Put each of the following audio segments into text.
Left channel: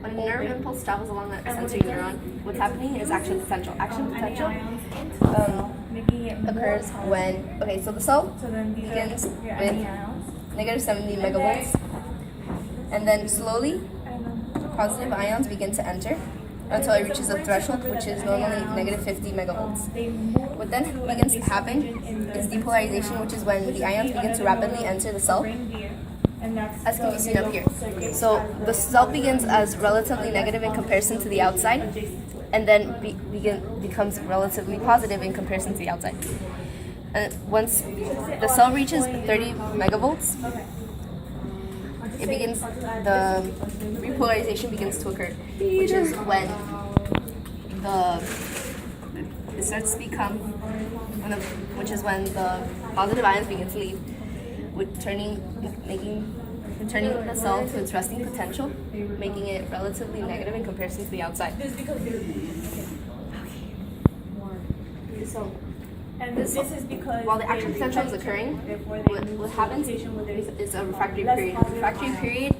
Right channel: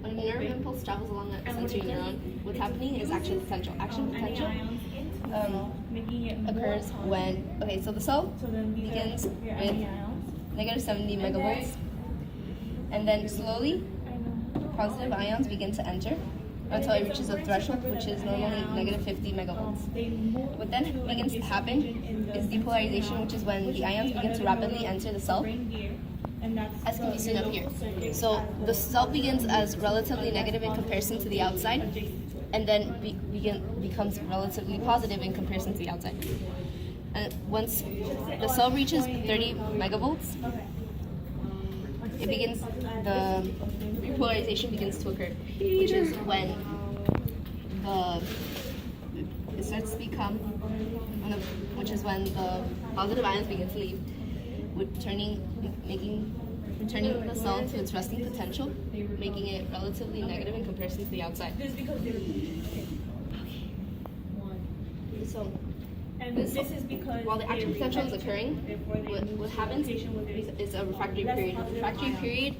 when a nerve impulse travels along a sensory neuron, what's happening is action potential. Action potential occurs when, okay, so the cell begins with negative 70 megavolts, and then slowly positive ions begin to enter until it reaches a threshold, which is normally negative 50 megavolts. What then begins to happen is depolarization, which is when the ions begin to rapidly enter the cell, as can be seen up here. So the cell begins as relatively negative in comparison to the outside, and then becomes relatively positive in comparison to the outside. And once the cell reaches 30 megavolts, the repolarization begins to occur, which is when it starts to become, which is when the positive ions begin to leave, with turning the cell to its resting potential, making it relatively negative in comparison to the outside. So, while the action potential is occurring, what happens is a refractory period. A refractory period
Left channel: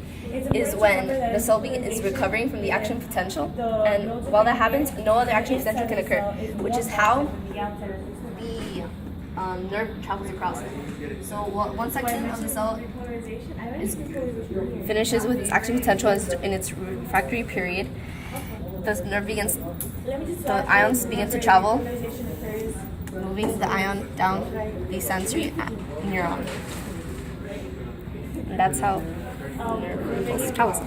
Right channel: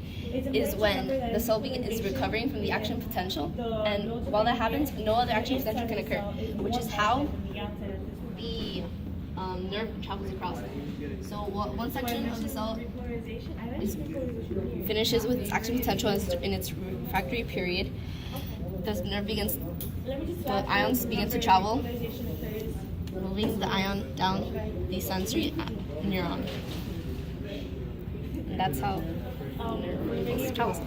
is when the cell is recovering from the action potential, and while that happens, no other action potential can occur, which is how the nerve travels across. So one section of the cell finishes with its action potential in its refractory period. The ions begin to travel, moving the ion down the sensory neuron. And that's how the nerve impulse travels.